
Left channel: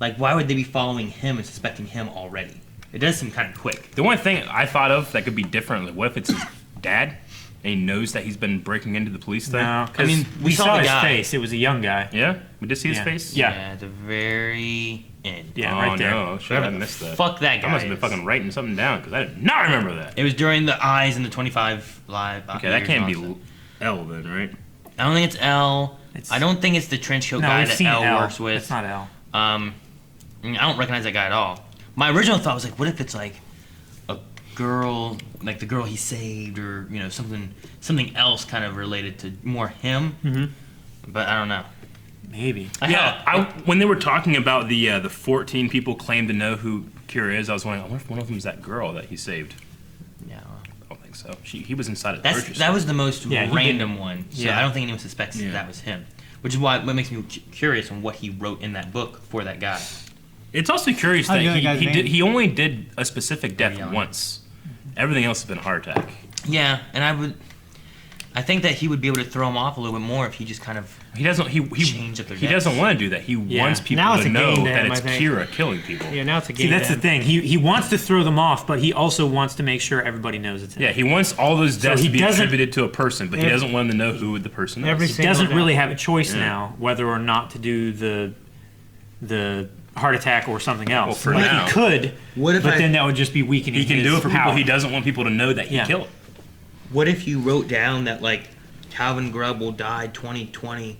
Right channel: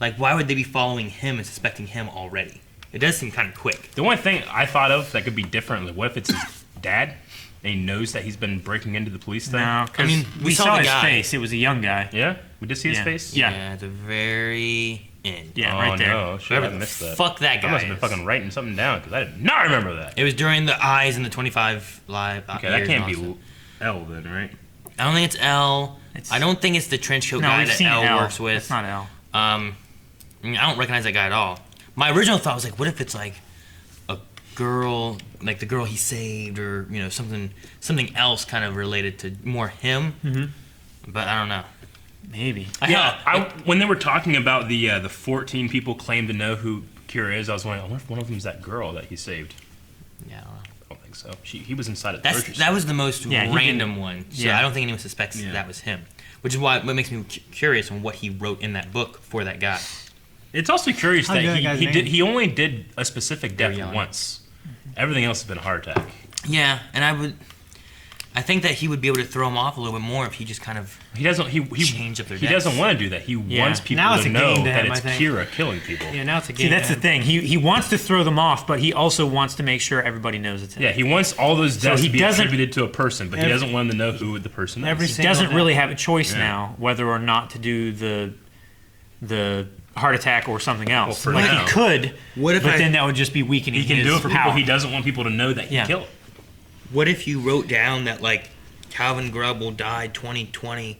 like, why would they be following him and suspecting him already? It does seem kind of quick. The one thing I thought of that could be different, like, what if it's his dad and he knows that he's been breaking into the police thing? No, because I mean, we saw the his guy. face. It was a young guy. Yeah, we did see his Yeah. face. Yeah. At the very end. Yeah, Oh, right there. no, should Whoever have the missed that. fuck that guy I must have is. been fucking writing something down because I did not remember that. It was during the eyes and the 25 live. Okay, that can't be L then, right? I don't think it's L. It's- I don't think it's the trench coat No, guy we've that seen L, L. works with. That's not L. I don't recognize that guy at all. My original thought was like, what if it's like a girl, like the girl he saved, or something else kind of related to more him. Mm-hmm. But I don't know. Maybe. When they were talking about the 14 people claim to know who Kira is, I was wondering, I wonder if one of them is that girl that he saved. Yeah, I don't think so. He was inside of that was the most Yeah, random one. So yeah. I don't think anyone suspects that was him. Which is what makes me curious on what he wrote in that book for that guy. It's also curious that How'd that guy's name? he only did a specific death young. once. Everything else has been a heart attack. Yeah, and I think that he would be able to throw him off a little bit more if he just kind of change up their he deaths. doesn't want to do that. He Yeah. wants people Now it's to a know game to that him, it's I think. Kira killing people. Yeah, now it's a game. See, that's to the him. thing. He wants to throw them off, but he also wants to make sure everybody knows it's him. Yeah, he wants all those So deaths he to be doesn't- attributed to a person, but he Every- doesn't want them to know who the person is. Every He single doesn't day. really have a choice Yeah. now whether or not to do the heart attack or something else. for Like now. he could, What if but I- then that would just be weakening He can his do it for people power. he doesn't want people to know that he Yeah. killed. What if you wrote down that like Calvin Grubble died 2020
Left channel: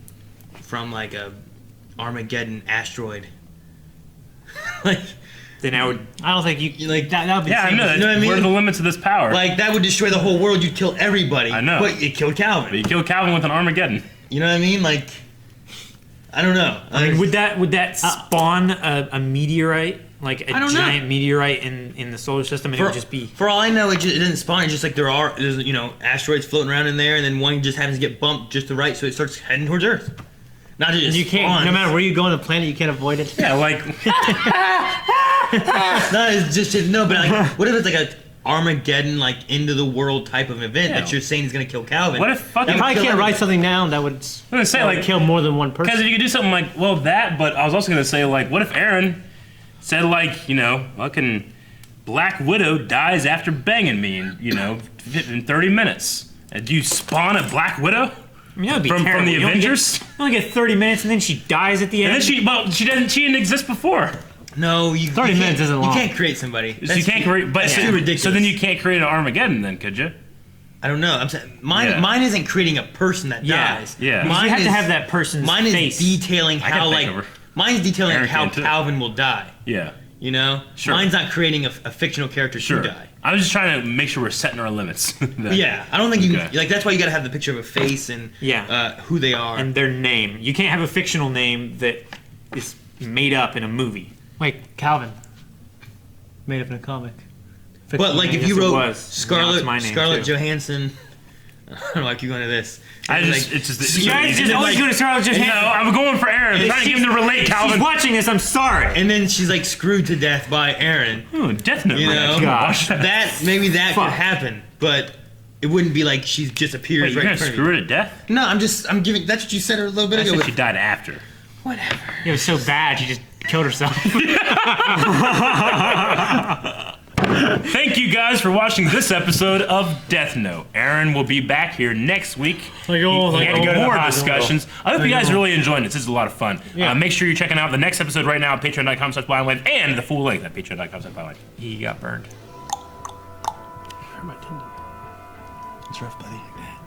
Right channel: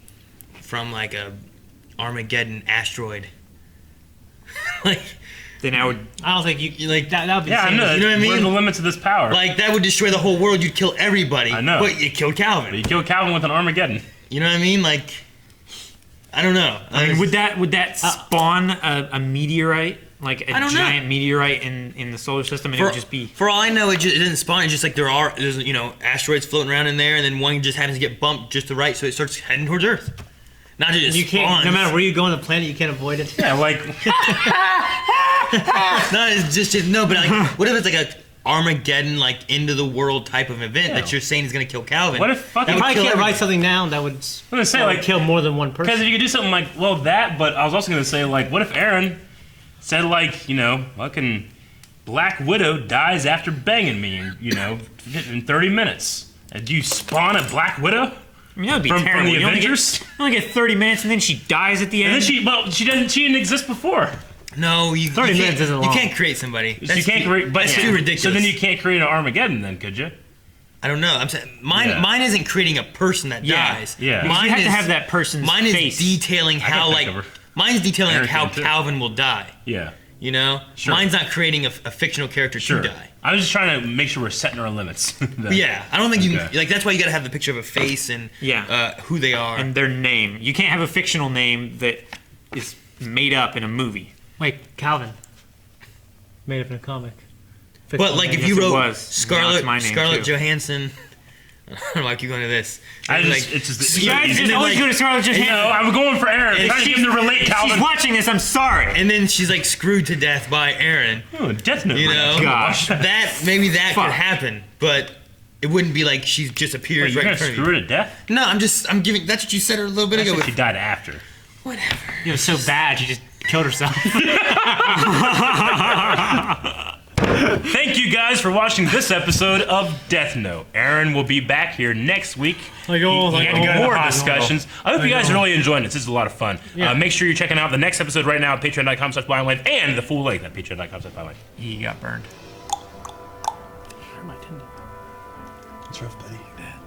from like a Armageddon asteroid? Like Then I would. I don't think you like that. That would be Yeah, I the know. same. You know what I What are mean? the limits of this power? like that would destroy the whole world. You'd kill everybody. I know. But you killed But Calvin. you killed Calvin with an Armageddon. You know what I mean? Like I don't know. I mean, would that spawn a meteorite, like a I don't know. giant meteorite in the solar system, and it For, would just be? for all I know, it doesn't spawn. It's just like there's asteroids floating around in there, and then one just happens to get bumped just to right, so it starts heading towards Earth. Not just You can't. spawns. No matter where you go on the planet, you can't avoid it. Yeah, like No, it's just no. But like, what if it's like a Armageddon, like end of the world type of event that you're saying is gonna kill Calvin? what if fucking? You probably kill can't write everybody. something down that would, gonna say, that would like- kill more than one Because person. you could do something like, well, that. But I was also gonna say, like, what if Aaron said, like, fucking Black Widow dies after banging me, in 30 minutes. And do you spawn a Black Widow I mean, that would be from terrible. the You only get- Avengers? You only get 30 minutes, and then she dies at the And end. then she didn't exist before. No, you 30 you minutes can't- isn't long. You can't create somebody. So you can't create, but that's so, too ridiculous. So then you can't create an Armageddon, then, could you? I don't know. I'm saying mine. Yeah. Mine isn't creating a person that Yeah. dies. Yeah. Because Mine you have is, to have that person's Mine is face. detailing can how think like of her. mine's detailing Eric how can too. Calvin will die. Yeah. You know, Sure. mine's not creating a fictional character Sure. to die. I was just trying to make sure we're setting our limits. But yeah, I don't think you Okay. like. That's why you got to have the picture of a face and who they are. and their name. You can't have a fictional name that is made up in a movie. Like Calvin, made up in a comic. But like name. if you Yes, it wrote was. Now Scarlett it's my name, Scarlett too. Johansson, I don't know, I keep going to this. I And, just, it's just, You guys just always go to Scarlett Johansson. No, I'm going for Aaron. I'm trying to get him to relate, Calvin. She's watching this. I'm sorry. and then she's like screwed to death by Aaron. Oh, Death Note. You right? know, Gosh. that maybe that Fuck. could happen, but it wouldn't be like she just appears Wait, you're right in gonna front of screw you. her to death? No, I'm giving. That's what you said a little bit I ago. said With, she died after. It was so bad, she just killed herself. Thank you guys for watching this episode of Death Note. Aaron will be back here next week. Like, oh, like, for oh, more God. discussions. I hope you guys really enjoyed this. This is a lot of fun. Yeah. Make sure you're checking out the next episode right now at patreon.com/blindwave and the full length at patreon.com/blindwave. He got burned. It's rough, buddy. Like that.